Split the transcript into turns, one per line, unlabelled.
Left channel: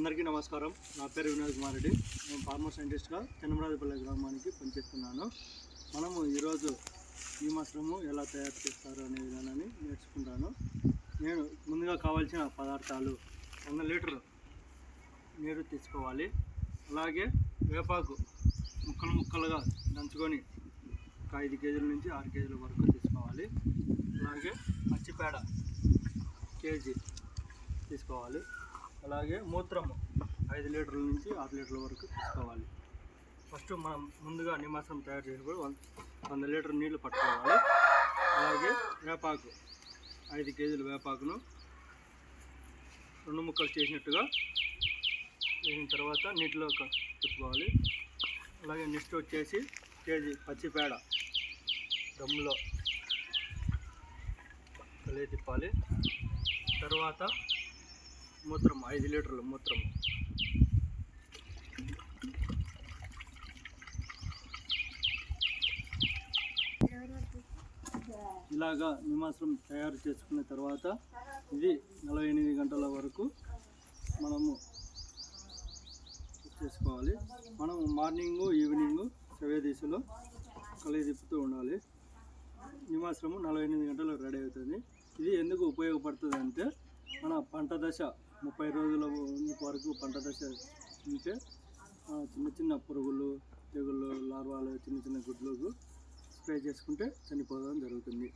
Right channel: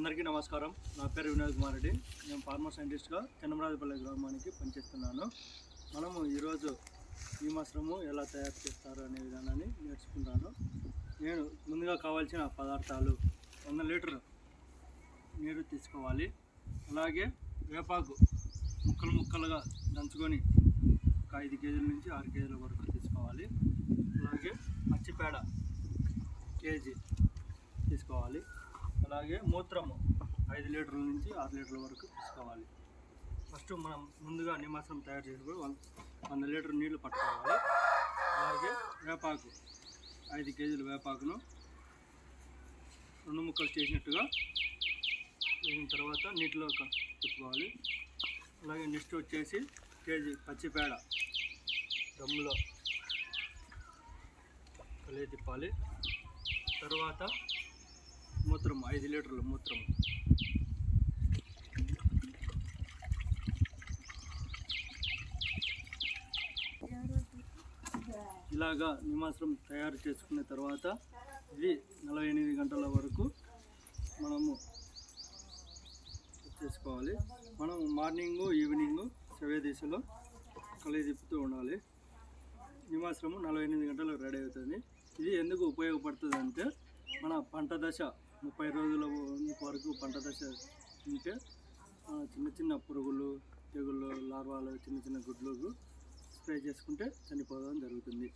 అందరికీ నమస్కారం. నా పేరు వినోద్ కుమార్ రెడ్డి. నేను ఫార్మర్ సైంటిస్ట్గా చెన్నమరాజపల్లి గ్రామానికి పనిచేస్తున్నాను. మనము ఈరోజు ఈ మశ్రము ఎలా తయారు చేస్తారు అనే విధానాన్ని నేర్చుకుంటాను. నేను ముందుగా కావాల్సిన పదార్థాలు వంద లీటర్ నీరు తీసుకోవాలి. అలాగే వేపాకు ముక్కలు ముక్కలుగా దంచుకొని ఒక ఐదు కేజీల నుంచి ఆరు కేజీల వరకు తీసుకోవాలి. అలాగే పచ్చిపేడ కేజీ తీసుకోవాలి. అలాగే మూత్రము ఐదు లీటర్ల నుంచి ఆరు లీటర్ల వరకు తీసుకోవాలి. ఫస్ట్ మనం ముందుగా నిమాసం తయారు చేసినప్పుడు వంద వంద లీటర్ నీళ్ళు పట్టుకోవాలి. అలాగే వేపాకు ఐదు కేజీల వేపాకును రెండు ముక్కలు చేసినట్టుగా వేసిన తర్వాత నీటిలో తిప్పుకోవాలి. అలాగే నెక్స్ట్ వచ్చేసి కేజీ పచ్చిపేడ దమ్ములో కలిగి తిప్పాలి. తర్వాత మూత్రం ఐదు లీటర్ల మూత్రం. ఇలాగా నిమాసం తయారు చేసుకున్న తర్వాత ఇది నలభై ఎనిమిది గంటల వరకు మనము చేసుకోవాలి. మనం మార్నింగు ఈవినింగ్ సవే దిశలో కలిగి తిప్పుతూ ఉండాలి. నిమాశ్రము నలభై ఎనిమిది గంటలకు రెడీ అవుతుంది. ఇది ఎందుకు ఉపయోగపడుతుంది అంటే మన పంట దశ ముప్పై రోజుల వరకు పంట దశ ఉంటే చిన్న చిన్న పురుగులు తెగుళ్ళు లార్వాలు చిన్న చిన్న గుడ్లకు స్ప్రే చేసుకుంటే చనిపోవడం జరుగుతుంది.